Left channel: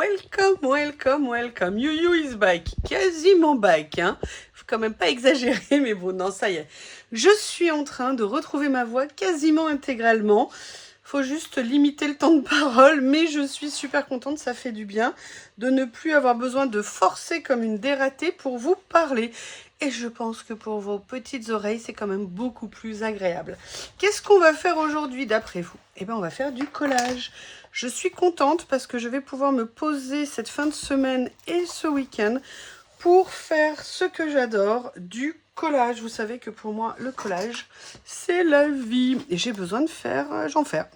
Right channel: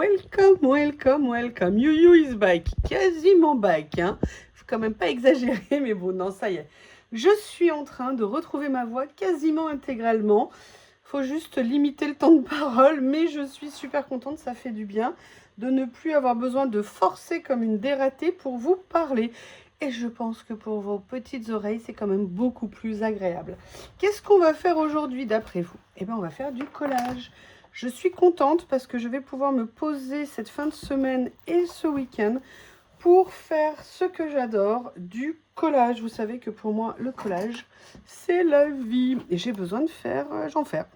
welcome, welcome, welcome. You is back, quasiment back. Hein. Faut quand même pas exagérer, mais bon, non, ça y est. Je suis en train de retrouver ma voix quasiment intégralement. Faut juste limiter le temps de parole, mais je suis super contente, ça fait du bien de ne plus avoir besoin de forcer comme une dératée pour vous parler. Et je pense que pour vos petites oreilles, c'est quand même beaucoup plus agréable. Qu'est-ce qu'on va faire aujourd'hui d'après vous? Eh bien, on va faire du collage. Je suis contente parce que je vais pouvoir me poser cette fin de semaine et ce week-end pour faire ce que j'adore, du collage. Vous savez que pour moi, le collage, c'est la vie. Et j'ai besoin j'en faire.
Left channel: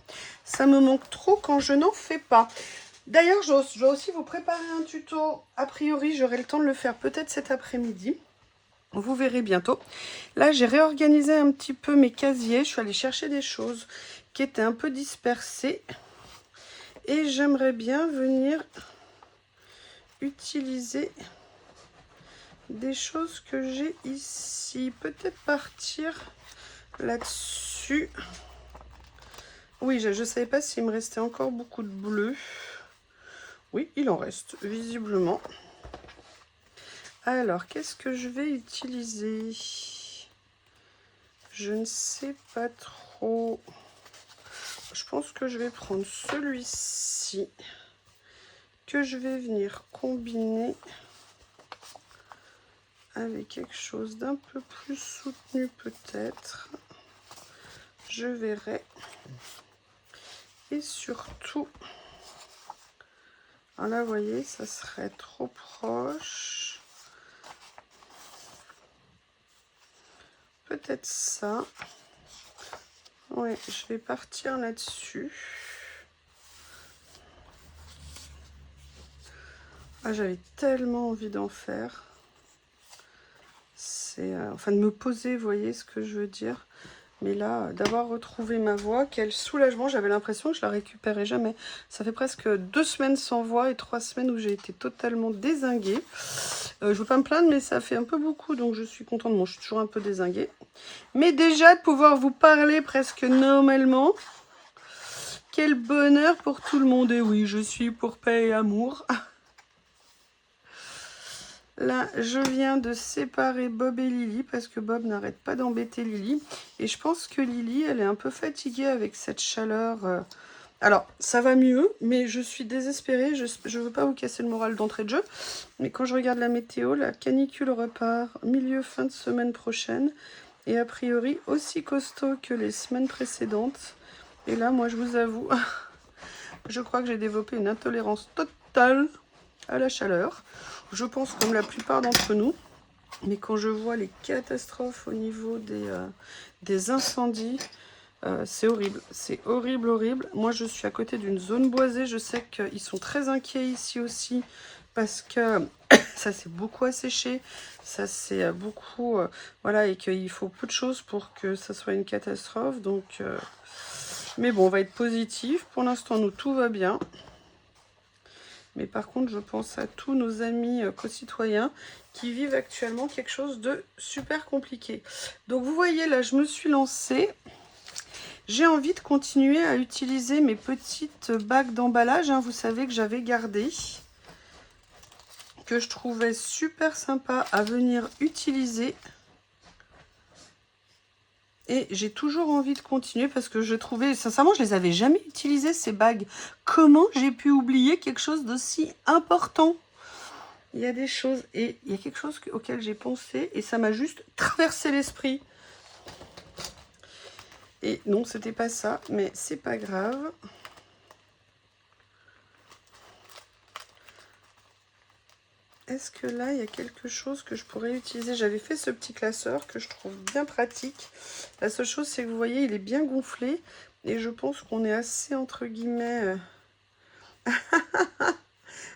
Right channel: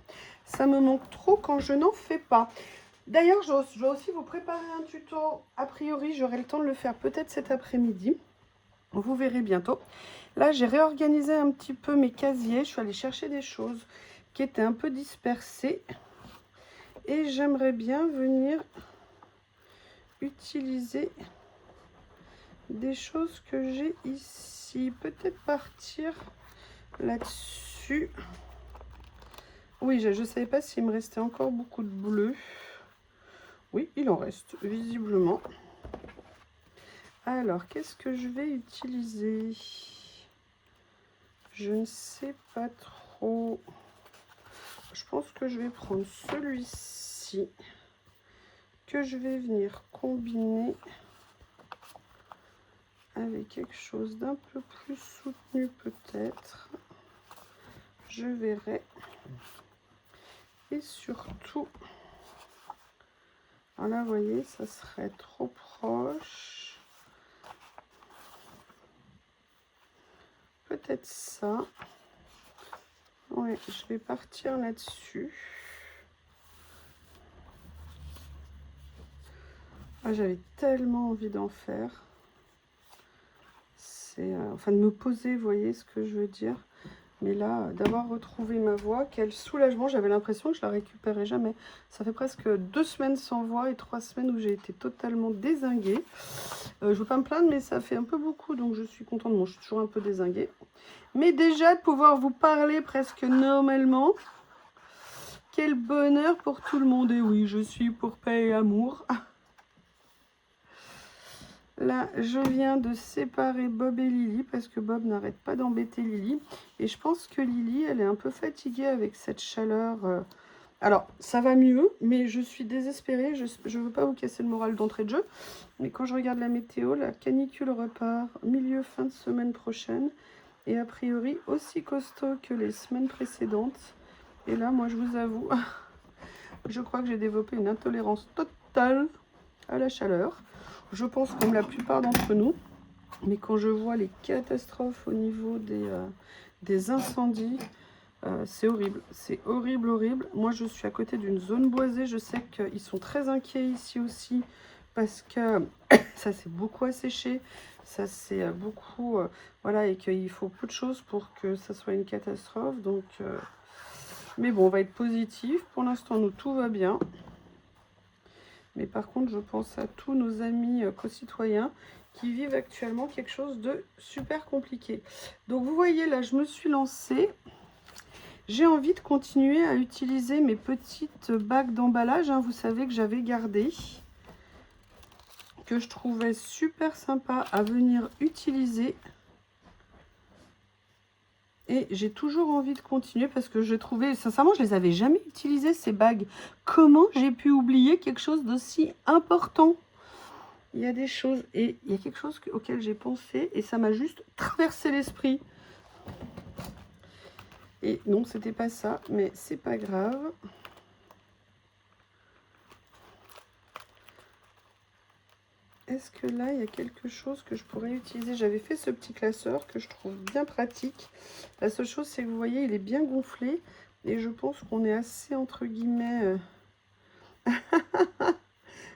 Ça me manque trop quand je n'en fais pas. D'ailleurs, je dois aussi vous préparer un tuto. A priori, j'aurai le temps de le faire peut-être cet après-midi. Vous verrez bientôt. Là, j'ai réorganisé un petit peu mes casiers. Je suis allée chercher des choses qui étaient un peu dispersées. Et j'aimerais bien venir utiliser des choses que j'ai ici. Peut-être partir là-dessus. Oui, je ne savais pas s'il me restait encore beaucoup de bleu. Oui, il en reste, visiblement. Alors, qu'est-ce que je vais utiliser? Je ne sais pas trop. Je pense que je vais prendre celui-ci, que je vais venir combiner avec quelque chose d'un peu plus soutenu peut-être. Je verrai. Et surtout, alors là, vous voyez, ça serait trop proche. Peut-être ça. Ouais, je vais partir là-dessus. Ah, j'avais tellement envie d'en faire. C'est enfin de me poser, vous voyez ce que je veux dire. Mais là, d'avoir retrouvé ma voix, quel soulagement. J'avais l'impression que je la récupérais jamais. Ça fait presque 2 semaines sans voix et 3 semaines où j'ai été totalement dézinguée. Je ne veux pas me plaindre, mais ça fait un peu beaucoup, donc je suis contente. Bon, je suis toujours un peu dézinguée. Mais déjà, de pouvoir vous parler presque normalement. Quel bonheur pour tout le monde. Et oui, je suis pour paix et amour. Là, je viens de séparer Bob et Lily parce que Bob n'arrête pas d'embêter Lily. Et je pense que Lily, elle est un peu fatiguée avec cette chaleur. Alors, ça va mieux, mais je suis désespérée. Je ne veux pas vous casser le moral d'entrée de jeu. Mais quand je regarde la météo, la canicule repart fin de semaine prochaine. Et a priori, aussi costaud que les semaines précédentes. Et là, moi, je vous avoue, je crois que j'ai développé une intolérance totale à la chaleur. Je pense comme la plupart d'entre nous. Mais quand je vois les catastrophes au niveau des incendies, c'est horrible. C'est horrible, horrible. Moi, je suis à côté d'une zone boisée. Je sais qu'ils sont très inquiets ici aussi parce que ça s'est beaucoup asséché. Ça s'est beaucoup... voilà, et qu'il faut peu de choses pour que ça soit une catastrophe. Donc... mais bon, on va être positif. Pour l'instant, nous, tout va bien. Mais par contre, je pense à tous nos amis co-citoyens qui vivent actuellement quelque chose de super compliqué. Donc, vous voyez, là, je me suis lancée. J'ai envie de continuer à utiliser mes petites bagues d'emballage. Hein, vous savez que j'avais gardé, que je trouvais super sympa à venir utiliser. Et j'ai toujours envie de continuer parce que je trouvais, sincèrement, je les avais jamais utilisées ces bagues. Comment j'ai pu oublier quelque chose d'aussi important? Il y a des choses, et il y a quelque chose auquel j'ai pensé et ça m'a juste traversé l'esprit. Et non, c'était pas ça, mais c'est pas grave. Est-ce que là, il y a quelque chose que je pourrais utiliser? J'avais fait ce petit classeur que je trouve bien pratique. La seule chose, c'est que vous voyez, il est bien gonflé. Et je pense qu'on est assez, entre guillemets...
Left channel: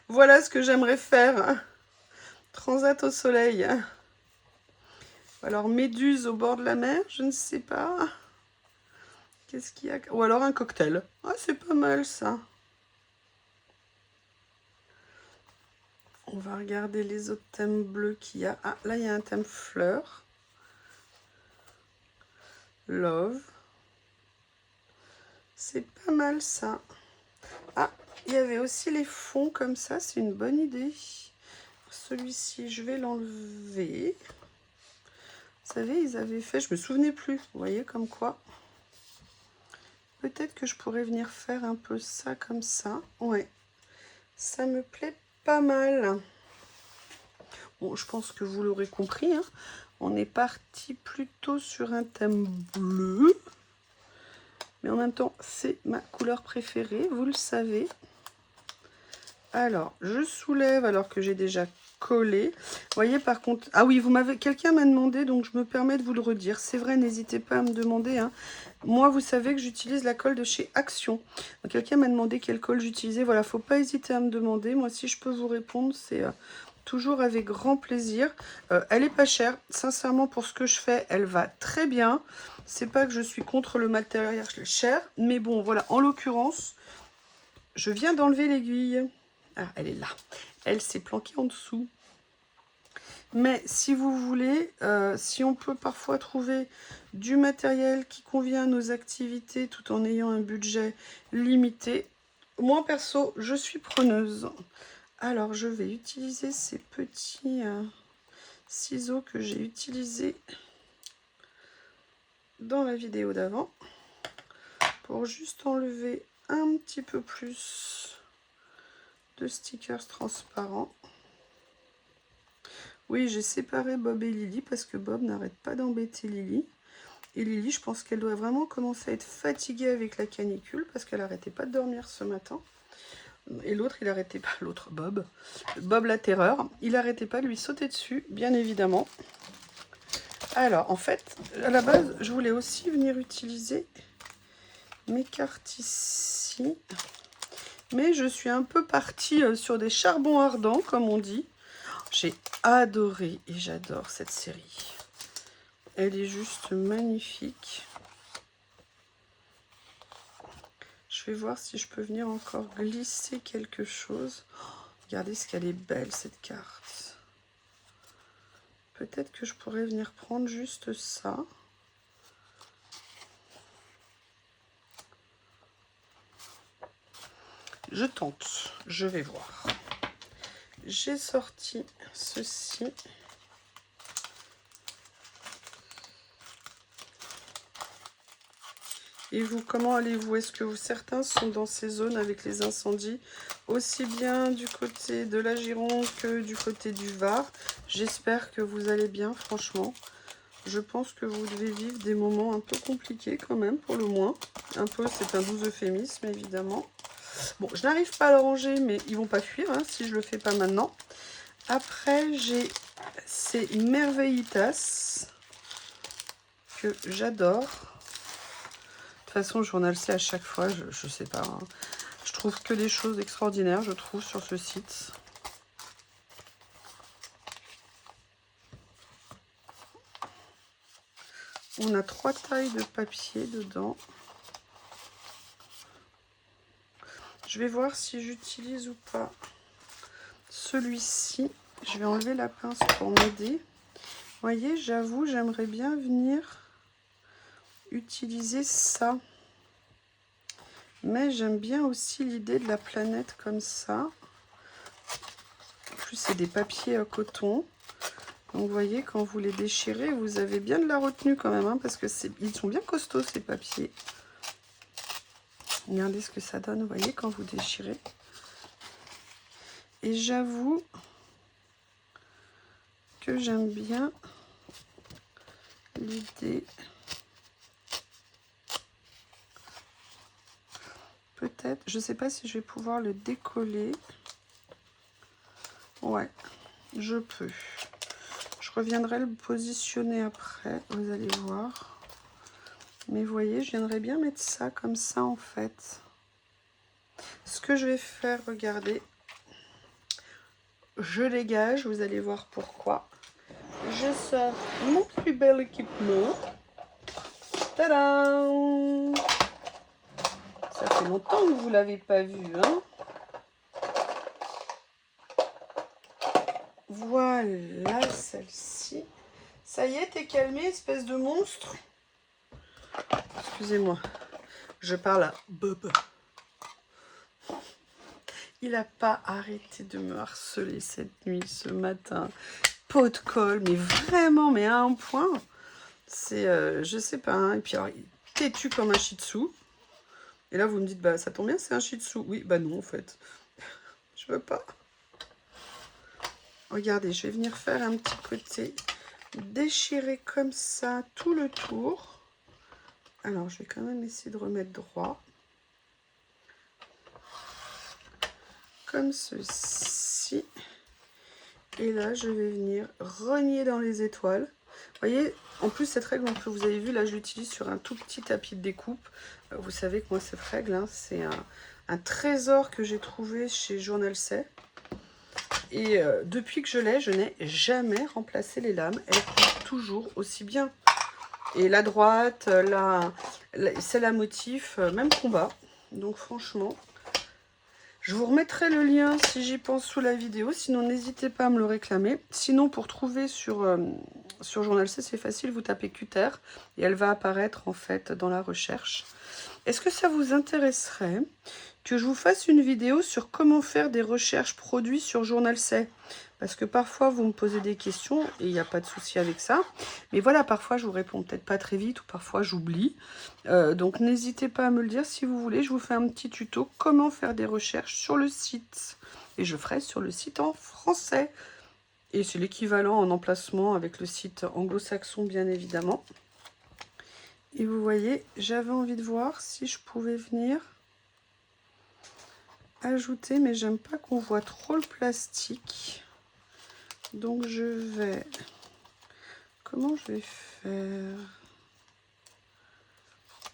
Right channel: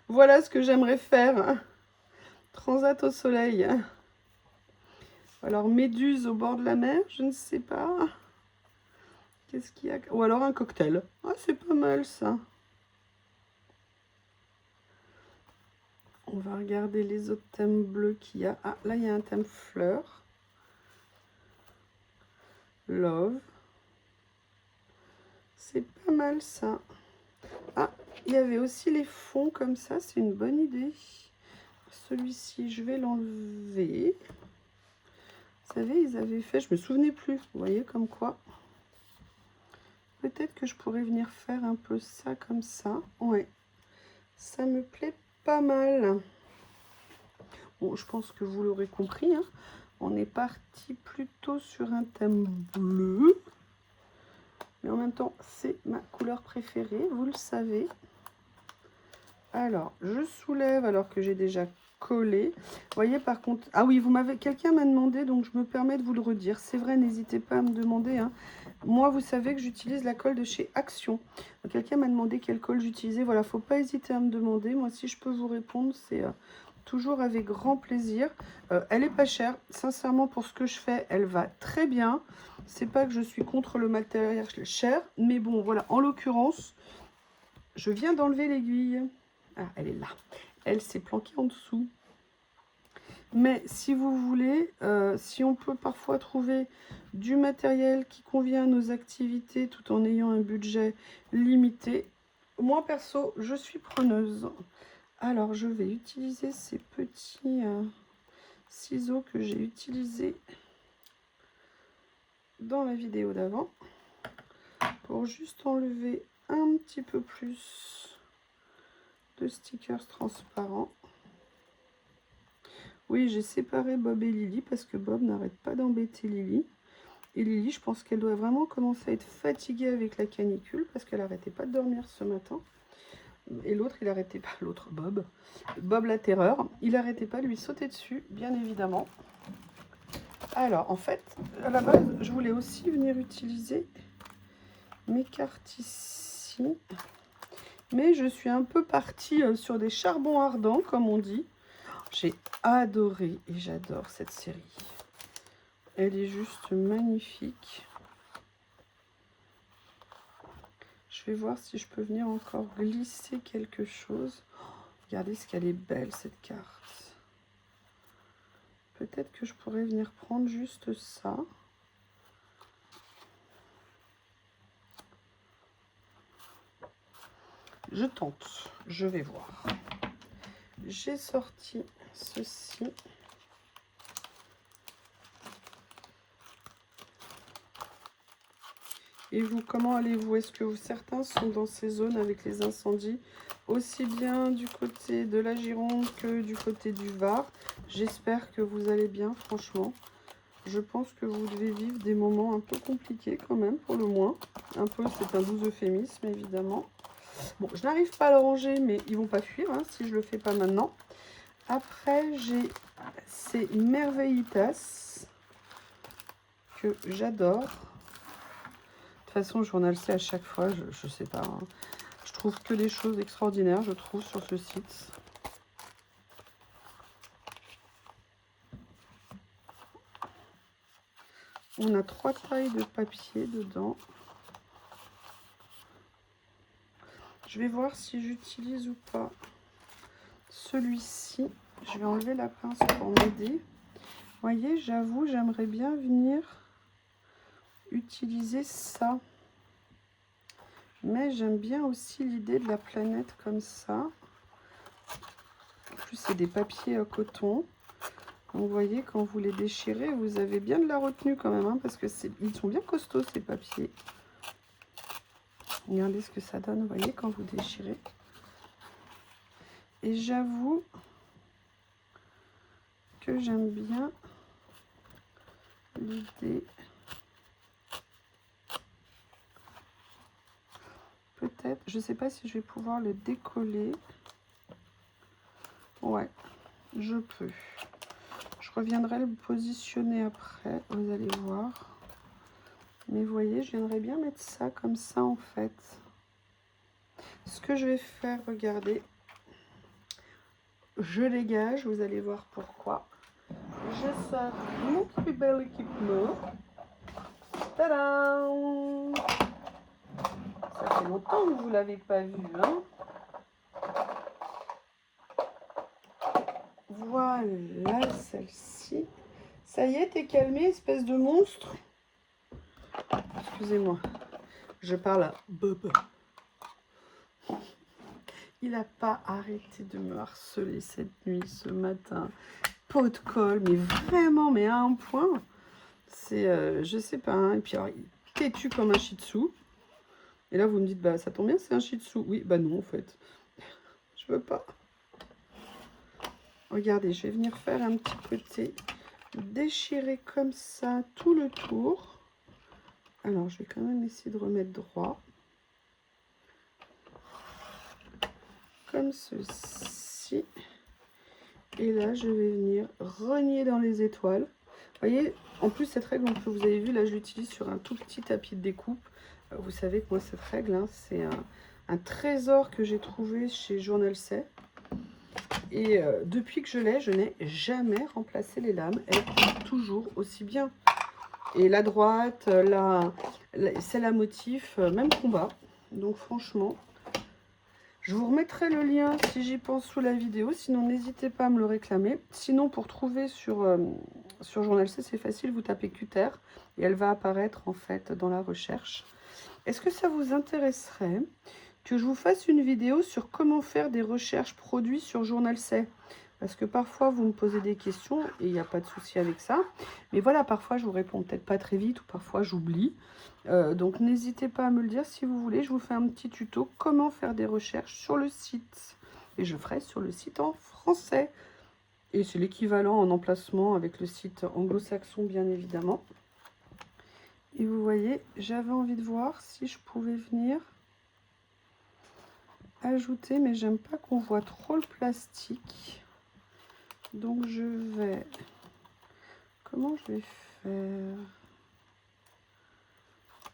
Voilà ce que j'aimerais faire. Transat au soleil. Alors, méduse au bord de la mer, je ne sais pas. Qu'est-ce qu'il y a? Ou alors un cocktail. Ah, c'est pas mal, ça. On va regarder les autres thèmes bleus qu'il y a. Ah, là, il y a un thème fleur. Love. C'est pas mal, ça. Ah, il y avait aussi les fonds comme ça, c'est une bonne idée. Celui-ci, je vais l'enlever. Vous savez, ils avaient fait, je me souvenais plus, vous voyez, comme quoi. Peut-être que je pourrais venir faire un peu ça comme ça. Ouais, ça me plaît pas mal. Bon, je pense que vous l'aurez compris, hein. On est parti plutôt sur un thème bleu. Mais en même temps, c'est ma couleur préférée, vous le savez. Alors, je soulève alors que j'ai déjà collé. Vous voyez, par contre... Ah oui, quelqu'un m'a demandé, donc je me permets de vous le redire. C'est vrai, n'hésitez pas à me demander, hein. Moi, vous savez que j'utilise la colle de chez Action. Quelqu'un m'a demandé quelle colle j'utilisais. Voilà, faut pas hésiter à me demander. Moi, si je peux vous répondre, c'est... toujours avec grand plaisir. Elle est pas chère. Sincèrement, pour ce que je fais, elle va très bien. C'est pas que je suis contre le matériel cher. Mais bon, voilà. En l'occurrence, je viens d'enlever l'aiguille. Ah, elle est là. Elle s'est planquée en dessous. Mais si vous voulez, si on peut parfois trouver du matériel qui convient à nos activités tout en ayant un budget limité, moi perso, je suis preneuse. Alors, je vais utiliser ces petits ciseaux que j'ai utilisés dans la vidéo d'avant pour juste enlever un petit peu plus de stickers transparents. Oui, j'ai séparé Bob et Lily parce que Bob n'arrête pas d'embêter Lily. Et Lily, je pense qu'elle doit vraiment commencer à être fatiguée avec la canicule parce qu'elle n'arrêtait pas de dormir ce matin. Et l'autre, il arrêtait pas, l'autre Bob, Bob la terreur, il arrêtait pas de lui sauter dessus, bien évidemment. Alors, en fait, à la base, je voulais aussi venir utiliser mes cartes ici. Mais je suis un peu partie sur des charbons ardents, comme on dit. J'ai adoré et j'adore cette série. Elle est juste magnifique. Je vais voir si je peux venir encore glisser quelque chose. Regardez ce qu'elle est belle, cette carte. Peut-être que je pourrais venir prendre juste ça. Je tente, je vais voir. J'ai sorti ceci. Et vous, comment allez-vous? Est-ce que certains sont dans ces zones avec les incendies, aussi bien du côté de la Gironde que du côté du Var? J'espère que vous allez bien, franchement. Je pense que vous devez vivre des moments un peu compliqués quand même, pour le moins. Un peu, c'est un doux euphémisme, évidemment. Bon, je n'arrive pas à le ranger, mais ils vont pas fuir hein, si je le fais pas maintenant. Après, j'ai ces merveillitas que j'adore. De toute façon, Journal C, à chaque fois, je sais pas. Hein. Je trouve que des choses extraordinaires, je trouve, sur ce site. On a 3 tailles de papier dedans. Je vais voir si j'utilise ou pas celui-ci. Je vais enlever la pince pour m'aider. Vous voyez, j'avoue, j'aimerais bien venir utiliser ça. Mais j'aime bien aussi l'idée de la planète comme ça. En plus, c'est des papiers à coton. Donc, vous voyez, quand vous les déchirez, vous avez bien de la retenue quand même. Hein, parce que ils sont bien costauds, ces papiers. Regardez ce que ça donne, vous voyez, quand vous déchirez. Et j'avoue que j'aime bien l'idée. Peut-être, je ne sais pas si je vais pouvoir le décoller. Ouais, je peux. Je reviendrai le positionner après, vous allez voir. Mais vous voyez, je viendrais bien mettre ça comme ça en fait. Ce que je vais faire, regardez. Je dégage, vous allez voir pourquoi. Je sors mon plus bel équipement. Tadam! Ça fait longtemps que vous ne l'avez pas vu, hein? Voilà celle-ci. Ça y est, t'es calmé, espèce de monstre? Excusez-moi, je parle à Bob. Il n'a pas arrêté de me harceler cette nuit, ce matin. Pot de colle, mais vraiment, mais à un point. C'est, je sais pas, hein. Et puis alors, il est têtu comme un shih tzu. Et là, vous me dites, bah ça tombe bien, c'est un shih tzu. Oui, bah non, en fait. Je veux pas. Regardez, je vais venir faire un petit côté déchiré comme ça, tout le tour. Alors, je vais quand même essayer de remettre droit. Comme ceci. Et là, je vais venir rogner dans les étoiles. Vous voyez, en plus, cette règle, que vous avez vu, là, je l'utilise sur un tout petit tapis de découpe. Vous savez que moi, cette règle, hein, c'est un trésor que j'ai trouvé chez Journal C. Et depuis que je l'ai, je n'ai jamais remplacé les lames. Elles coulent toujours aussi bien. Et la droite, celle à motif, même combat. Donc franchement, je vous remettrai le lien si j'y pense sous la vidéo. Sinon, n'hésitez pas à me le réclamer. Sinon, pour trouver sur Journal C, c'est facile. Vous tapez Cutter et elle va apparaître en fait dans la recherche. Est-ce que ça vous intéresserait que je vous fasse une vidéo sur comment faire des recherches produits sur Journal C? Parce que parfois, vous me posez des questions et il n'y a pas de souci avec ça. Mais voilà, parfois, je vous réponds peut-être pas très vite ou parfois, j'oublie. Donc, n'hésitez pas à me le dire si vous voulez. Je vous fais un petit tuto comment faire des recherches sur le site. Et je ferai sur le site en français. Et c'est l'équivalent en emplacement avec le site anglo-saxon, bien évidemment. Et vous voyez, j'avais envie de voir si je pouvais venir ajouter, mais j'aime pas qu'on voit trop le plastique. Donc je vais... Comment je vais faire?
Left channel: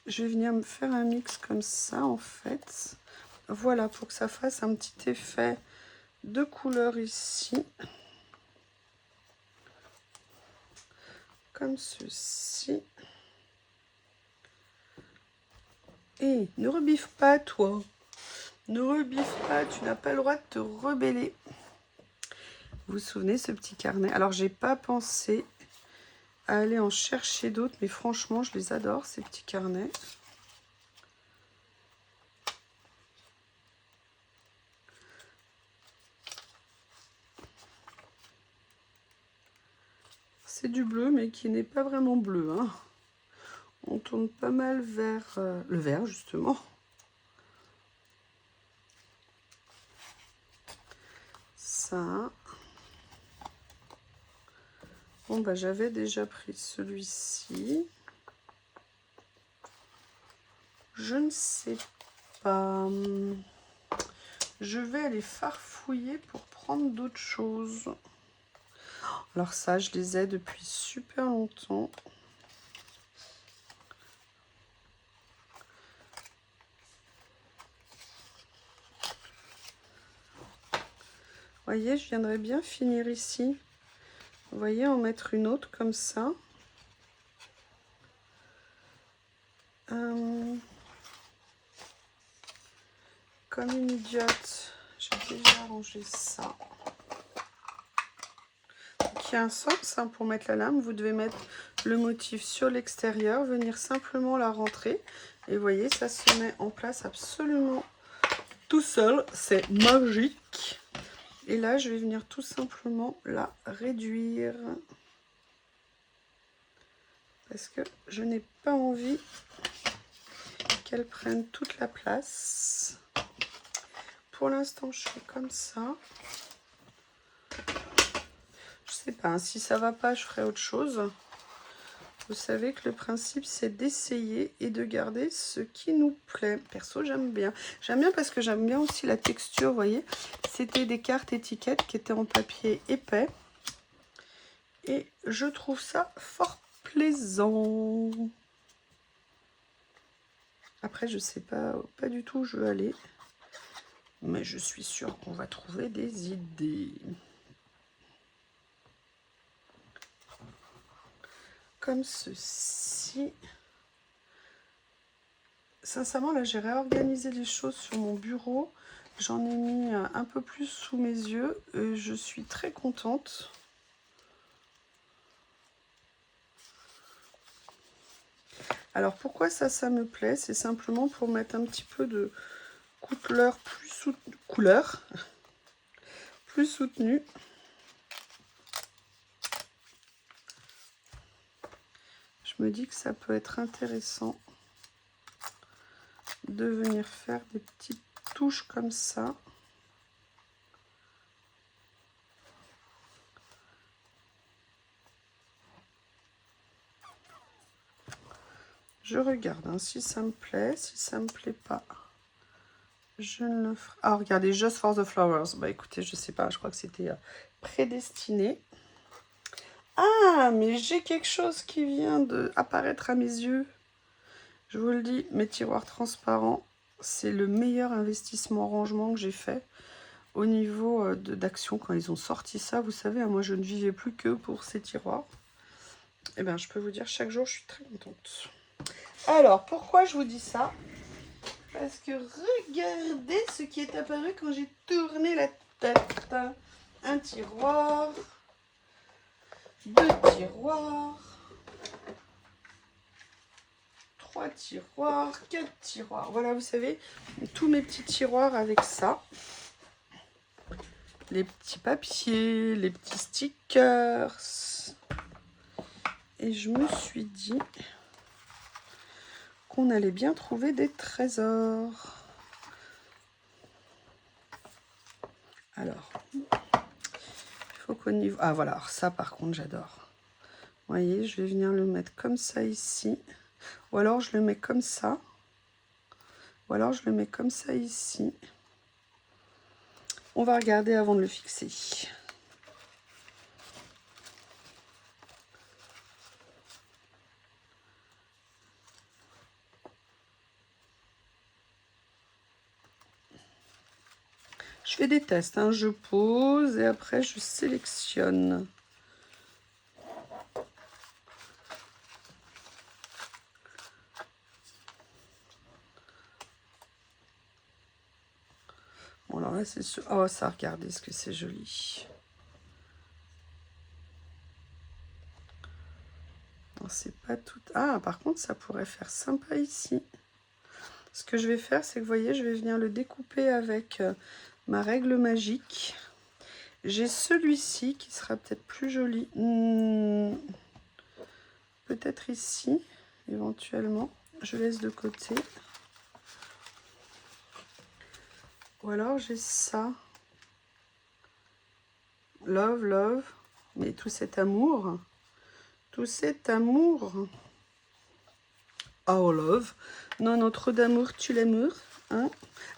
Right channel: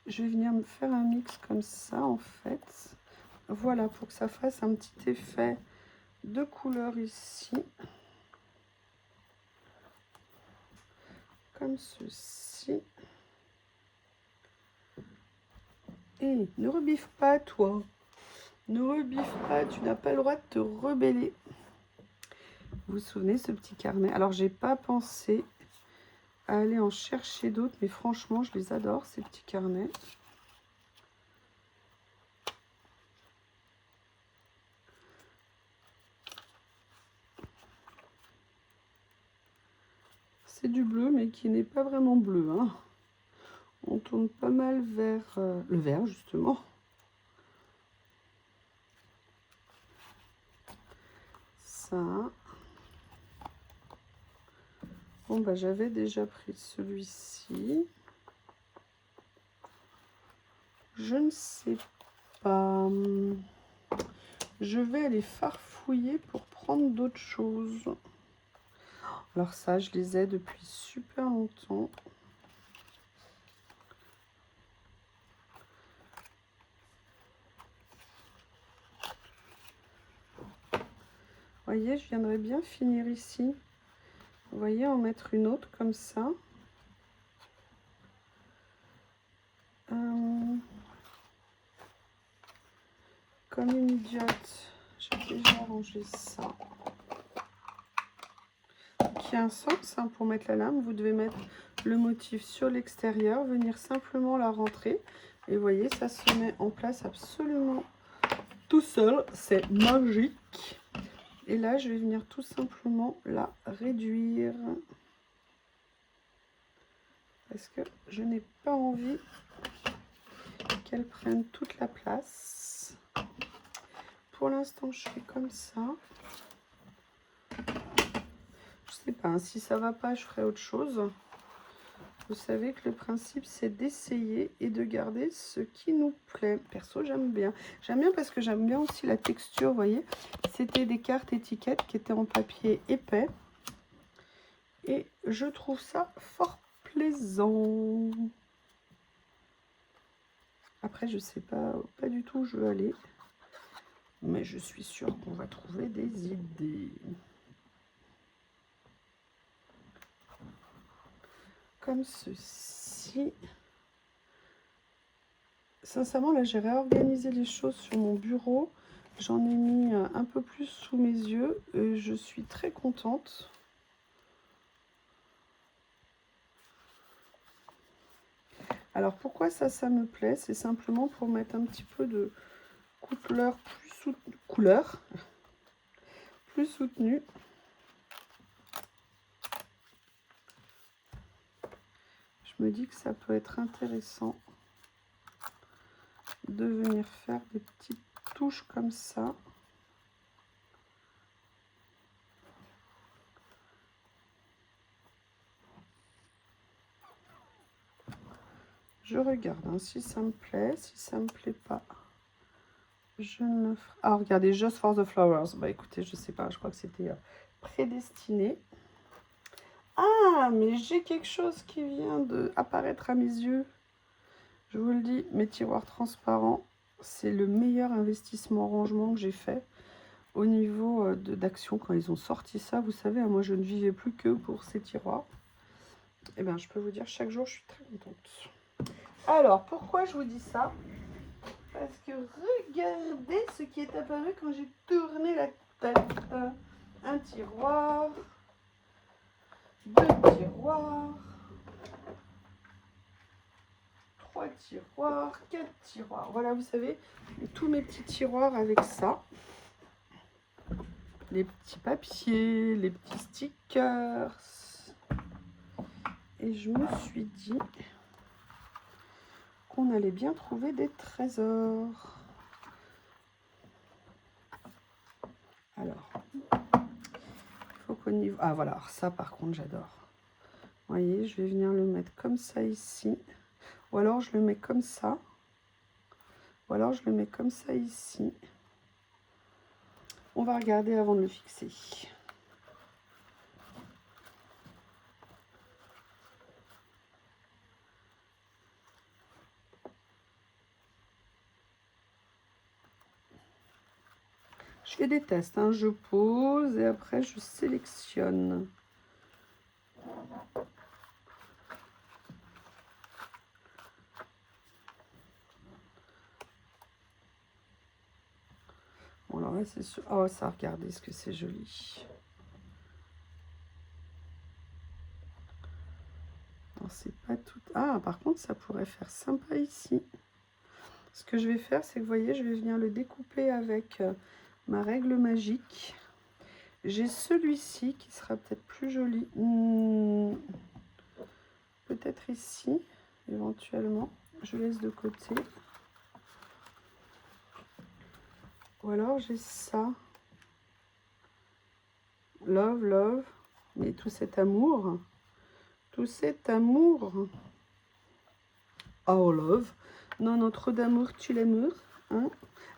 Je vais venir me faire un mix comme ça, en fait. Voilà, pour que ça fasse un petit effet de couleur ici. Comme ceci. Et ne rebiffe pas, toi. Ne rebiffe pas, tu n'as pas le droit de te rebeller. Vous vous souvenez, ce petit carnet? Alors, j'ai pas pensé à aller en chercher d'autres, mais franchement, je les adore, ces petits carnets. C'est du bleu, mais qui n'est pas vraiment bleu, hein. On tourne pas mal vers le vert, justement. Ça. Bon, bah, j'avais déjà pris celui-ci. Je ne sais pas. Je vais aller farfouiller pour prendre d'autres choses. Alors ça, je les ai depuis super longtemps. Vous voyez, je viendrais bien finir ici. Vous voyez, en mettre une autre comme ça. Comme une idiote, j'ai déjà rangé ça. Qui a un sens, hein, pour mettre la lame. Vous devez mettre le motif sur l'extérieur, venir simplement la rentrer. Et vous voyez, ça se met en place absolument tout seul. C'est magique. Et là, je vais venir tout simplement la réduire. Parce que je n'ai pas envie qu'elle prenne toute la place. Pour l'instant, je fais comme ça. Je sais pas, hein, si ça va pas, je ferai autre chose. Vous savez que le principe, c'est d'essayer et de garder ce qui nous plaît. Perso, j'aime bien. J'aime bien parce que j'aime bien aussi la texture, vous voyez. C'était des cartes étiquettes qui étaient en papier épais. Et je trouve ça fort plaisant. Après, je sais pas du tout où je veux aller. Mais je suis sûre qu'on va trouver des idées. Comme ceci. Sincèrement, là, j'ai réorganisé les choses sur mon bureau. J'en ai mis un peu plus sous mes yeux. Et je suis très contente. Alors, pourquoi ça me plaît? C'est simplement pour mettre un petit peu de couleur plus couleur, plus soutenue. Je me dis que ça peut être intéressant de venir faire des petites touches comme ça. Je regarde hein, si ça me plaît, si ça me plaît pas, je ne le ferai. Ah, regardez, Just for the Flowers. Bah écoutez, je sais pas, je crois que c'était prédestiné. Ah, mais j'ai quelque chose qui vient d'apparaître à mes yeux. Je vous le dis, mes tiroirs transparents, c'est le meilleur investissement rangement que j'ai fait au niveau d'Action. Quand ils ont sorti ça, vous savez, moi je ne vivais plus que pour ces tiroirs. Et bien, je peux vous dire, chaque jour, je suis très contente. Alors, pourquoi je vous dis ça? Parce que regardez ce qui est apparu quand j'ai tourné la tête. Un tiroir, 2 tiroirs, 3 tiroirs, 4 tiroirs. Voilà, vous savez, tous mes petits tiroirs avec ça. Les petits papiers, les petits stickers. Et je me suis dit qu'on allait bien trouver des trésors. Alors, il faut qu'au niveau... Ah voilà, alors ça par contre j'adore. Vous voyez, je vais venir le mettre comme ça ici. Ou alors je le mets comme ça. Ou alors je le mets comme ça ici. On va regarder avant de le fixer. Je fais des tests, hein. Je pose et après je sélectionne. Bon, alors là c'est sûr. Oh, ça, regardez ce que c'est joli. C'est pas tout. Ah, par contre, ça pourrait faire sympa ici. Ce que je vais faire, c'est que vous voyez, je vais venir le découper avec ma règle magique. J'ai celui-ci qui sera peut-être plus joli. Peut-être ici, éventuellement. Je laisse de côté. Ou alors j'ai ça. Love, love. Mais tout cet amour. Tout cet amour. Oh, love. Non, trop d'amour, tu l'amour. Hein?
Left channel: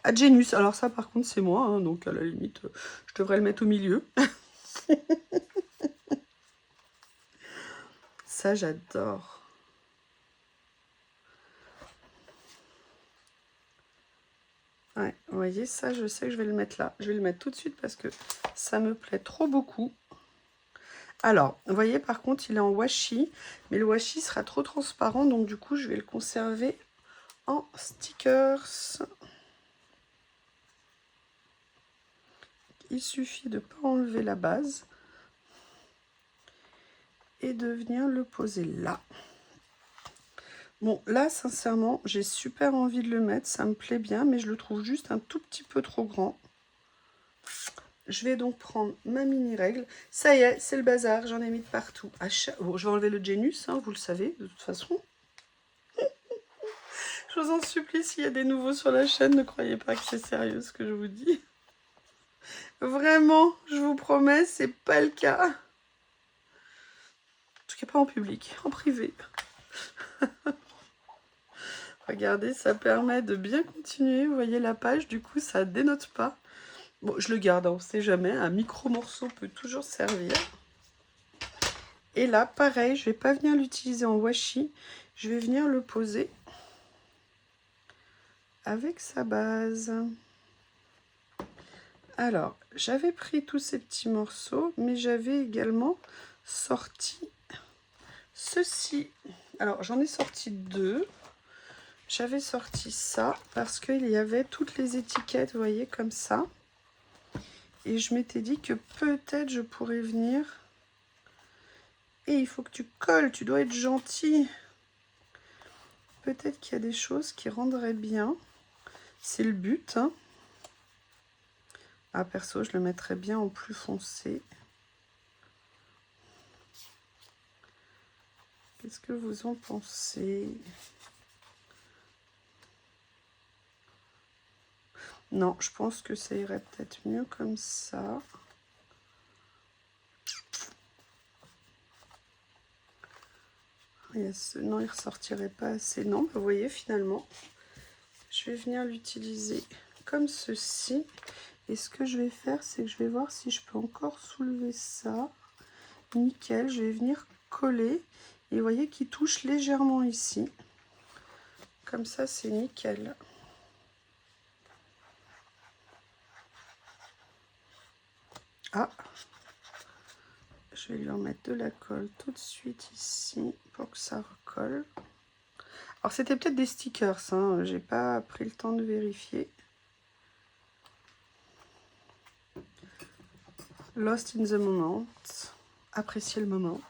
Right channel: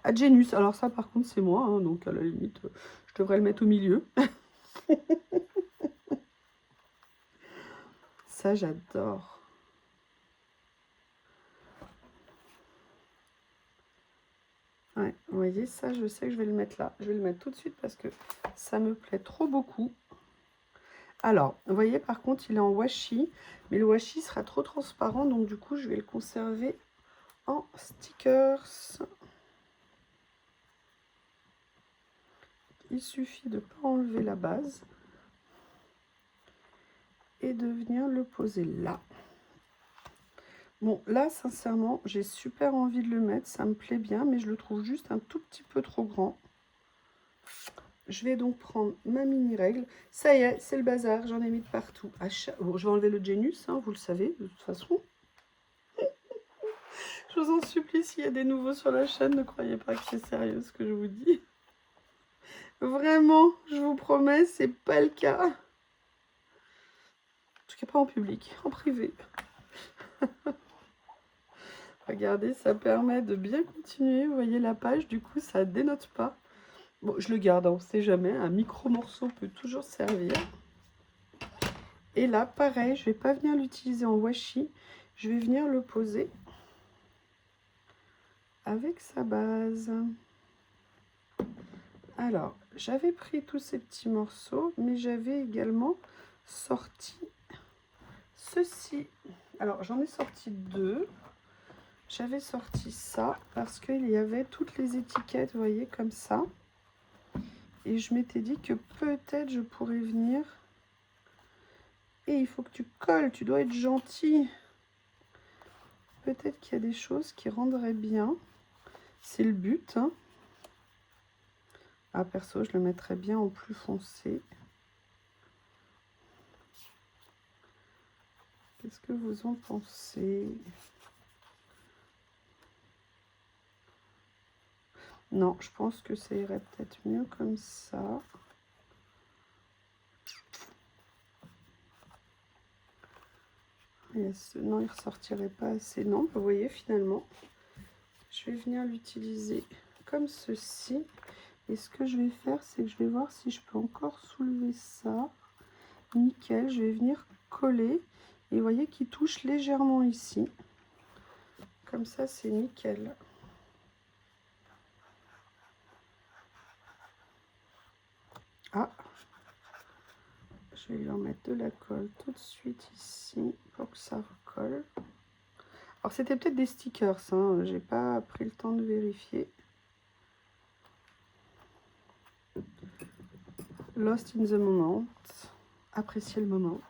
Ah, Genius. Alors ça, par contre, c'est moi. Hein, donc, à la limite, je devrais le mettre au milieu. Ça, j'adore. Ouais, vous voyez, ça, je sais que je vais le mettre là. Je vais le mettre tout de suite parce que ça me plaît trop beaucoup. Alors, vous voyez, par contre, il est en washi. Mais le washi sera trop transparent. Donc, du coup, je vais le conserver en stickers. Il suffit de ne pas enlever la base. Et de venir le poser là. Bon, là, sincèrement, j'ai super envie de le mettre. Ça me plaît bien, mais je le trouve juste un tout petit peu trop grand. Je vais donc prendre ma mini règle. Ça y est, c'est le bazar. J'en ai mis de partout. Bon, je vais enlever le Genius, hein, vous le savez, de toute façon. Je vous en supplie, s'il y a des nouveaux sur la chaîne, ne croyez pas que c'est sérieux ce que je vous dis. Vraiment, je vous promets, c'est pas le cas. En tout cas, pas en public, en privé. Regardez, ça permet de bien continuer. Vous voyez la page, du coup, ça dénote pas. Bon, je le garde, on ne sait jamais. Un micro-morceau peut toujours servir. Et là, pareil, je ne vais pas venir l'utiliser en washi. Je vais venir le poser avec sa base. Alors, j'avais pris tous ces petits morceaux, mais j'avais également sorti ceci. Alors, j'en ai sorti 2. J'avais sorti ça parce qu'il y avait toutes les étiquettes, vous voyez, comme ça. Et je m'étais dit que peut-être je pourrais venir. Et il faut que tu colles, tu dois être gentil. Peut-être qu'il y a des choses qui rendraient bien. C'est le but. Hein. Ah, perso, je le mettrais bien en plus foncé. Qu'est-ce que vous en pensez? Non, je pense que ça irait peut-être mieux comme ça. Non, il ressortirait pas assez. Non, vous voyez, finalement, je vais venir l'utiliser comme ceci. Et ce que je vais faire, c'est que je vais voir si je peux encore soulever ça. Nickel, je vais venir coller. Et vous voyez qu'il touche légèrement ici. Comme ça, c'est nickel. Ah, je vais lui en mettre de la colle tout de suite ici pour que ça recolle. Alors, c'était peut-être des stickers, hein. J'ai pas pris le temps de vérifier. Lost in the moment. Apprécier le moment.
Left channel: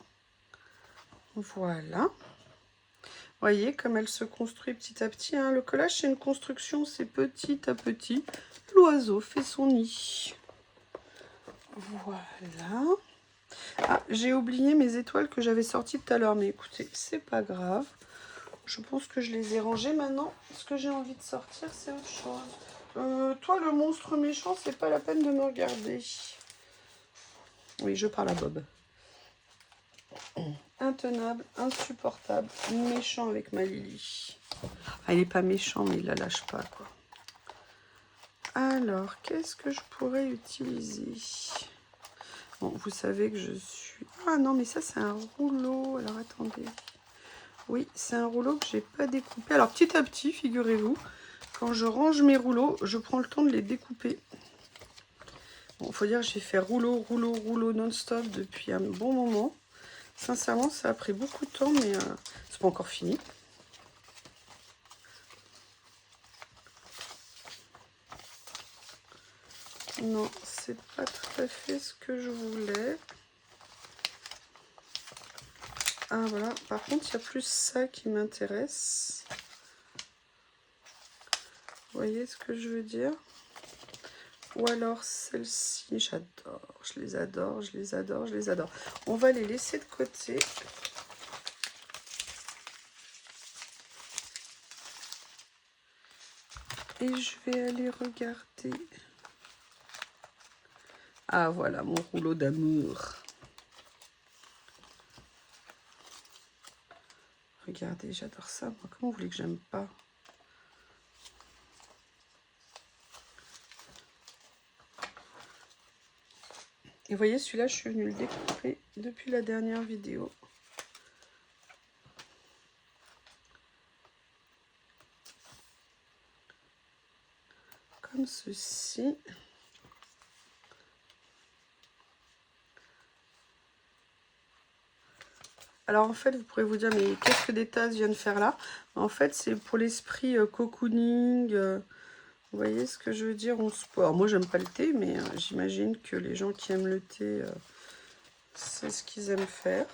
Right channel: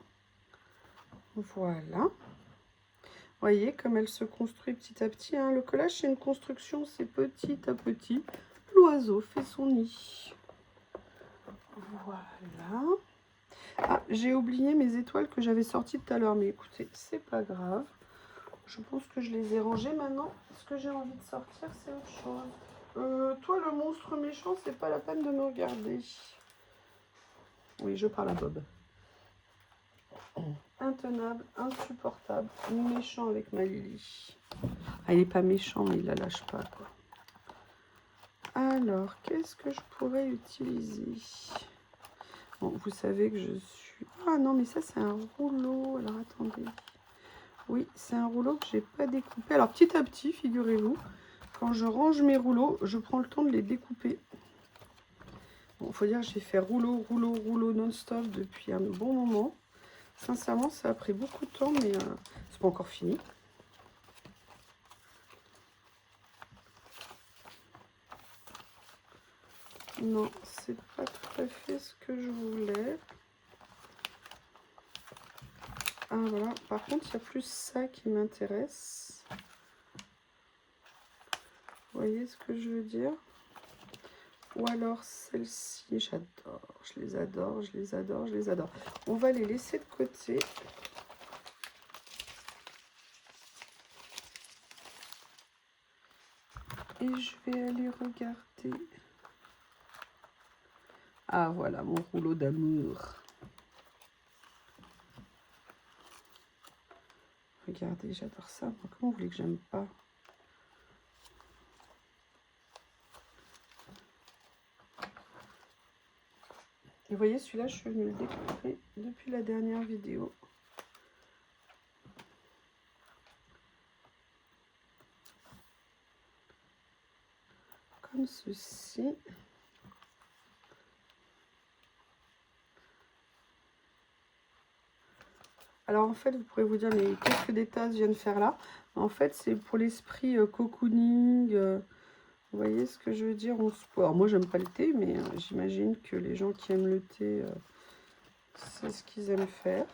Voilà. Vous voyez comme elle se construit petit à petit, hein. Le collage, c'est une construction, c'est petit à petit. L'oiseau fait son nid. Voilà. Ah, j'ai oublié mes étoiles que j'avais sorties tout à l'heure, mais écoutez, c'est pas grave. Je pense que je les ai rangées maintenant. Ce que j'ai envie de sortir, c'est autre chose. Toi, le monstre méchant, c'est pas la peine de me regarder. Oui, je parle à Bob. Intenable, insupportable, méchant avec ma Lily. Ah, il n'est pas méchant, mais il la lâche pas, quoi. Alors, qu'est-ce que je pourrais utiliser? Bon, vous savez que je suis... Ah non, mais ça, c'est un rouleau. Alors, attendez. Oui, c'est un rouleau que j'ai pas découpé. Alors, petit à petit, figurez-vous, quand je range mes rouleaux, je prends le temps de les découper. Bon, faut dire que j'ai fait rouleau, rouleau, rouleau non-stop depuis un bon moment. Sincèrement, ça a pris beaucoup de temps, mais c'est pas encore fini. Non, c'est pas tout à fait ce que je voulais. Ah voilà, par contre, il y a plus ça qui m'intéresse. Vous voyez ce que je veux dire? Ou alors celle-ci, j'adore, je les adore, je les adore, je les adore. On va les laisser de côté. Et je vais aller regarder. Ah voilà, mon rouleau d'amour. Regardez, j'adore ça. Moi, comment vous voulez que j'aime pas? Et vous voyez, celui-là, je suis venue le découper depuis la dernière vidéo. Comme ceci. Alors en fait, vous pourrez vous dire, mais qu'est-ce que des tasses viennent faire là? En fait, c'est pour l'esprit cocooning. Vous voyez ce que je veux dire? Alors moi, j'aime pas le thé, mais j'imagine que les gens qui aiment le thé, c'est ce qu'ils aiment faire.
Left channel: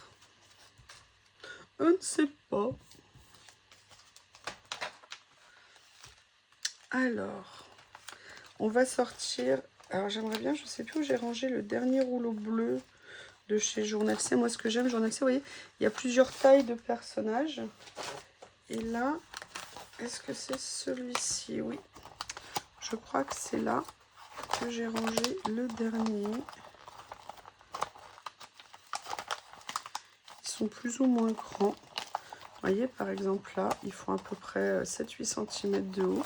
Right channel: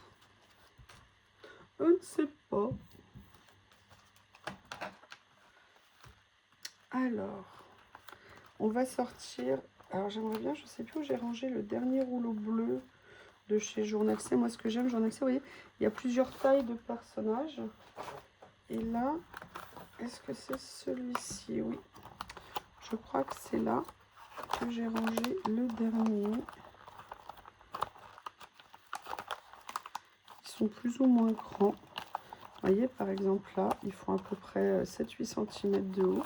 Je ne sais pas. Alors, on va sortir. Alors j'aimerais bien, je ne sais plus où j'ai rangé le dernier rouleau bleu de chez Journal C. Moi, ce que j'aime, Journal C, vous voyez, il y a plusieurs tailles de personnages. Et là, est-ce que c'est celui-ci? Oui. Je crois que c'est là que j'ai rangé le dernier. Ils sont plus ou moins grands. Vous voyez, par exemple, là, ils font à peu près 7-8 cm de haut.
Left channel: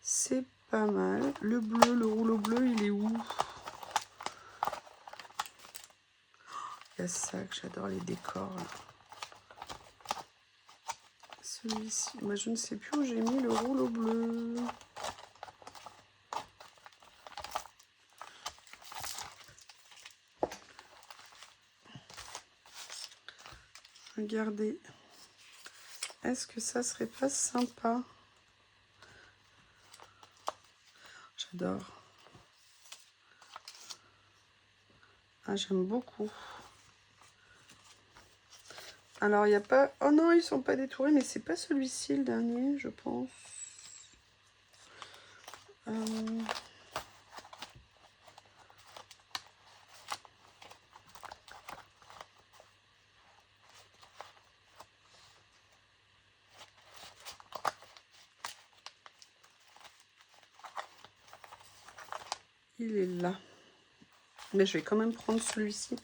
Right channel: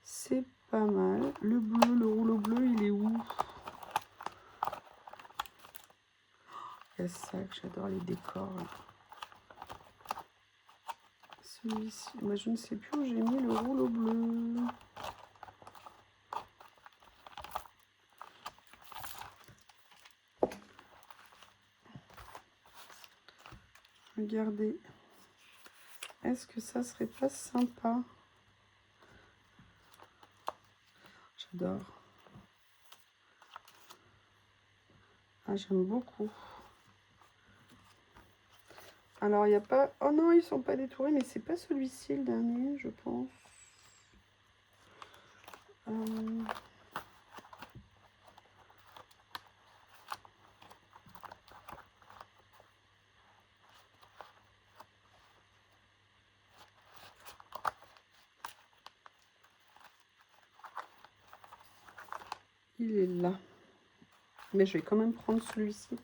C'est pas mal. Le bleu, le rouleau bleu, il est où? Il y a ça que j'adore, les décors. Celui-ci, moi je ne sais plus où j'ai mis le rouleau bleu. Regardez. Est-ce que ça serait pas sympa? J'adore. Ah, j'aime beaucoup. Alors, il n'y a pas... Oh non, ils sont pas détourés, mais c'est pas celui-ci le dernier, je pense. Il est là. Mais je vais quand même prendre celui-ci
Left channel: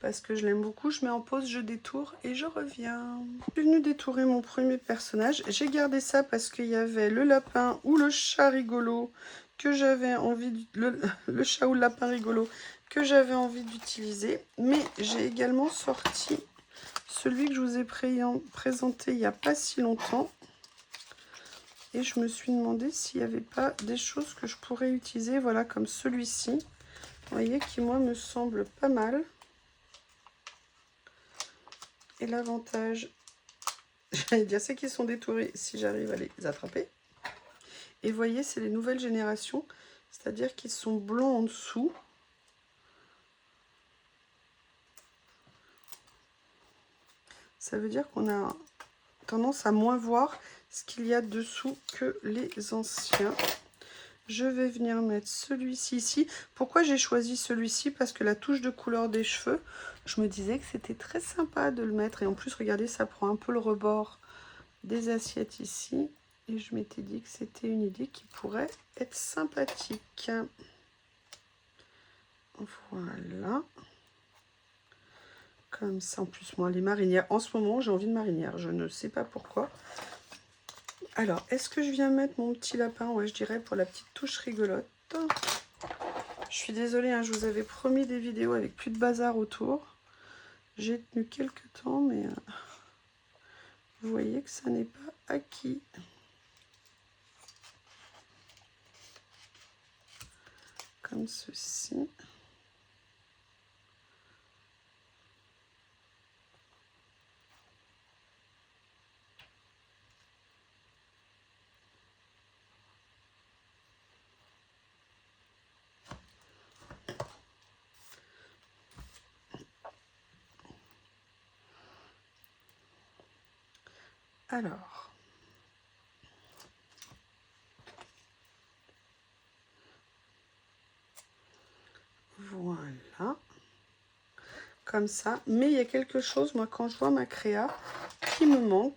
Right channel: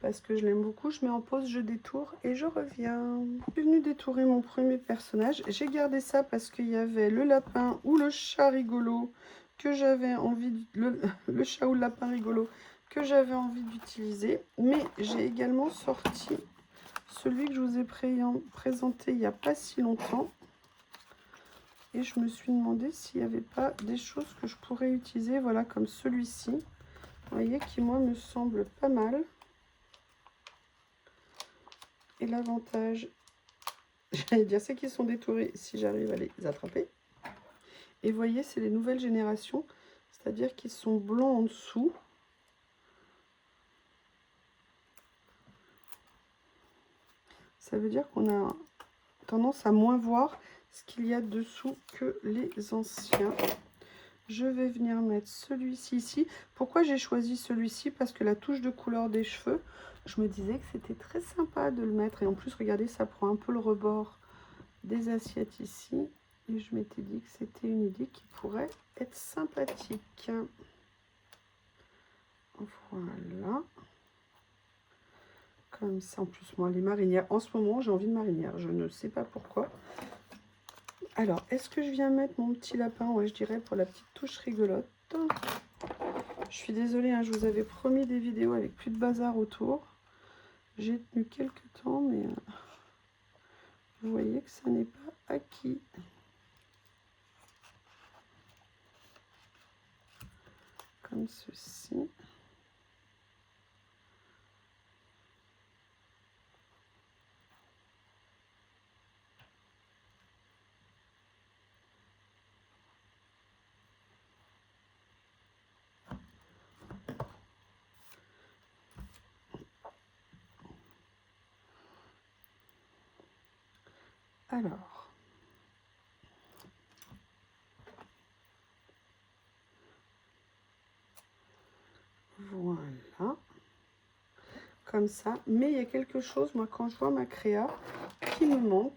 parce que je l'aime beaucoup. Je mets en pause, je détourne et je reviens. Je suis venue détourer mon premier personnage. J'ai gardé ça parce qu'il y avait le lapin ou le chat rigolo que j'avais envie... Le chat ou le lapin rigolo que j'avais envie d'utiliser. Mais j'ai également sorti celui que je vous ai présenté il n'y a pas si longtemps. Et je me suis demandé s'il n'y avait pas des choses que je pourrais utiliser. Voilà, comme celui-ci. Vous voyez, qui moi me semble pas mal. Et l'avantage, j'allais dire, c'est qu'ils sont détourés si j'arrive à les attraper. Et vous voyez, c'est les nouvelles générations, c'est-à-dire qu'ils sont blancs en dessous. Ça veut dire qu'on a tendance à moins voir ce qu'il y a dessous que les anciens. Je vais venir mettre celui-ci ici. Pourquoi j'ai choisi celui-ci? Parce que la touche de couleur des cheveux, je me disais que c'était très sympa de le mettre. Et en plus, regardez, ça prend un peu le rebord des assiettes ici. Et je m'étais dit que c'était une idée qui pourrait être sympathique. Voilà. Comme ça, en plus, moi, les marinières, en ce moment, j'ai envie de marinière. Je ne sais pas pourquoi. Alors, est-ce que je viens mettre mon petit lapin? Ouais, je dirais pour la petite touche rigolote. Je suis désolée, hein, je vous avais promis des vidéos avec plus de bazar autour. J'ai tenu quelques temps, mais vous voyez que ça n'est pas acquis. Comme ceci. Alors, voilà, comme ça. Mais il y a quelque chose, moi, quand je vois ma créa, qui me manque.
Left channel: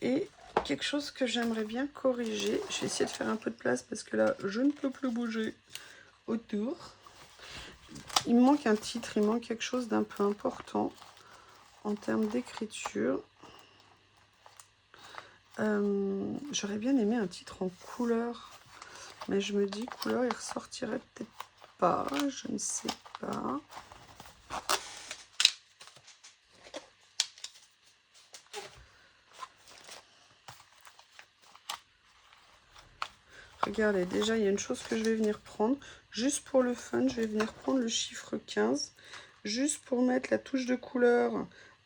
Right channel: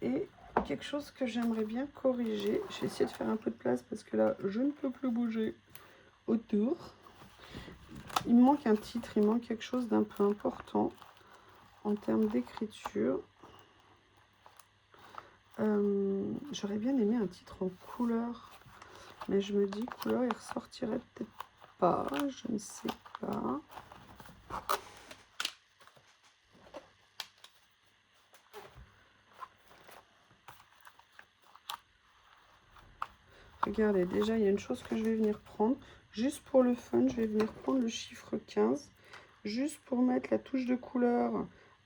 Et quelque chose que j'aimerais bien corriger. Je vais essayer de faire un peu de place parce que là, je ne peux plus bouger autour. Il me manque un titre, il manque quelque chose d'un peu important en termes d'écriture. J'aurais bien aimé un titre en couleur, mais je me dis couleur il ressortirait peut-être pas, je ne sais pas. Regardez, déjà il y a une chose que je vais venir prendre, juste pour le fun, je vais venir prendre le chiffre 15, juste pour mettre la touche de couleur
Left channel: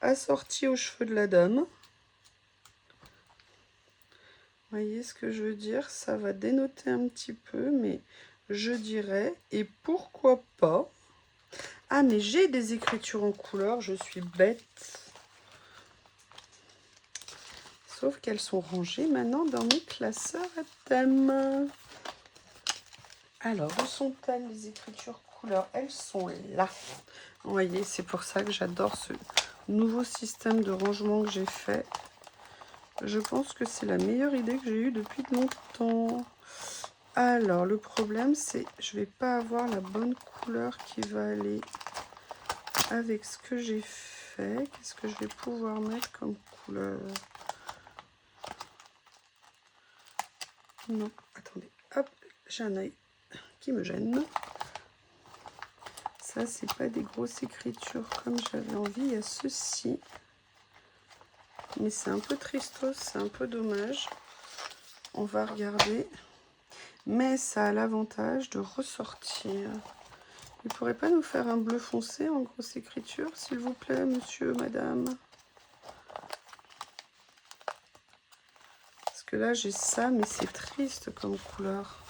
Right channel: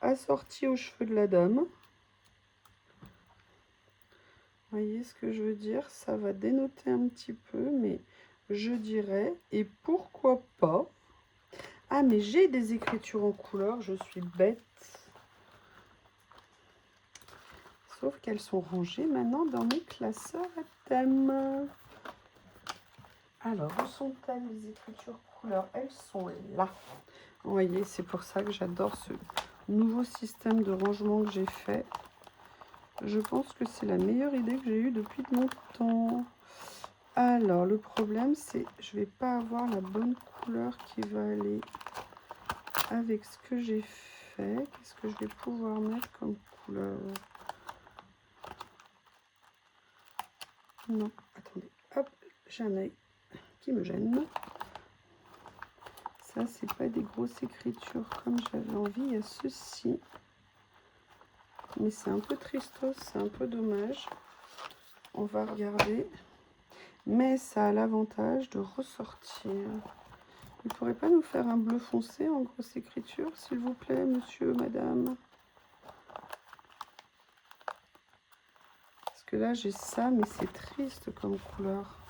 assortie aux cheveux de la dame. Vous voyez ce que je veux dire? Ça va dénoter un petit peu, mais je dirais, et pourquoi pas... Ah, mais j'ai des écritures en couleur, je suis bête. Sauf qu'elles sont rangées maintenant dans mes classeurs à thème. Alors, où sont-elles les écritures couleur? Elles sont là. Vous voyez, c'est pour ça que j'adore ce nouveau système de rangement que j'ai fait. Je pense que c'est la meilleure idée que j'ai eue depuis longtemps. Alors, le problème, c'est que je ne vais pas avoir la bonne couleur qui va aller avec ce que j'ai fait. Qu'est-ce que je vais pouvoir mettre comme couleur? Non, attendez. Hop, j'ai un œil qui me gêne. Ça, c'est pas des grosses écritures comme j'avais envie. Il y a ceci. Mais c'est un peu tristos, c'est un peu dommage. On va regarder. Mais ça a l'avantage de ressortir. Vous ne pourrez pas nous faire un bleu foncé en grosse écriture, s'il vous plaît, monsieur, madame? Parce que là, j'ai ça, mais c'est triste comme couleur.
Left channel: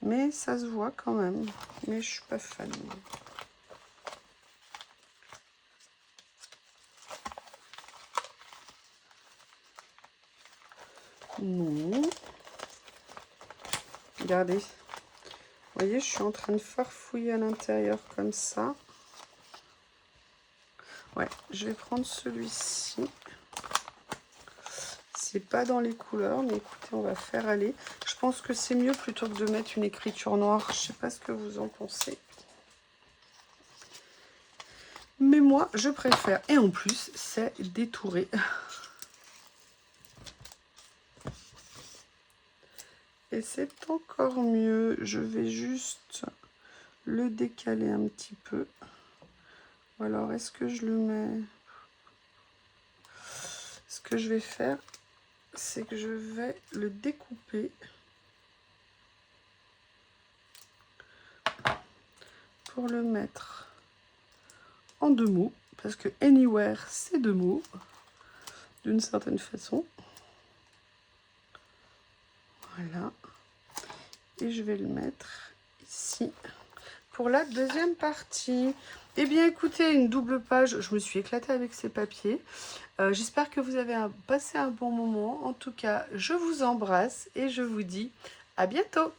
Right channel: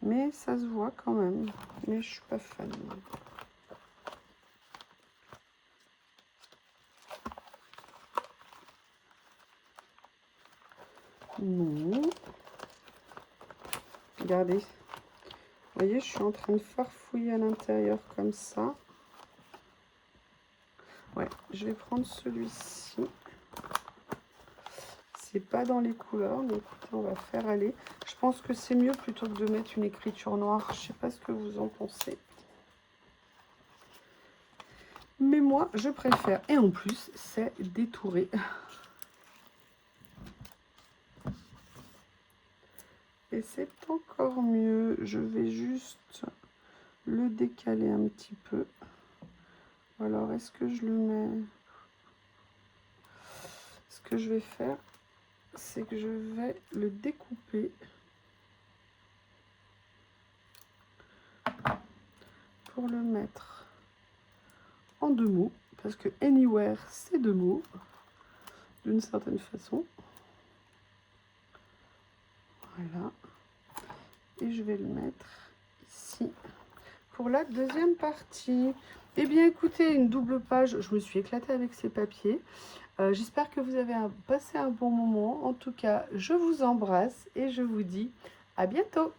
Mais ça se voit quand même. Mais je suis pas fan. Non. Regardez. Vous voyez, je suis en train de farfouiller à l'intérieur comme ça. Ouais, je vais prendre celui-ci. C'est pas dans les couleurs, mais écoutez, on va faire aller. Je pense que c'est mieux plutôt que de mettre une écriture noire. Je sais pas ce que vous en pensez. Mais moi, je préfère. Et en plus, c'est détouré. Et c'est encore mieux. Je vais juste le décaler un petit peu. Ou alors, est-ce que je le mets... Ce que je vais faire, c'est que je vais le découper pour le mettre en 2 mots. Parce que anywhere, c'est 2 mots, d'une certaine façon. Voilà. Et je vais le mettre ici pour la deuxième partie. Eh bien, écoutez, une double page. Je me suis éclatée avec ces papiers. J'espère que vous avez passé un bon moment. En tout cas, je vous embrasse et je vous dis à bientôt.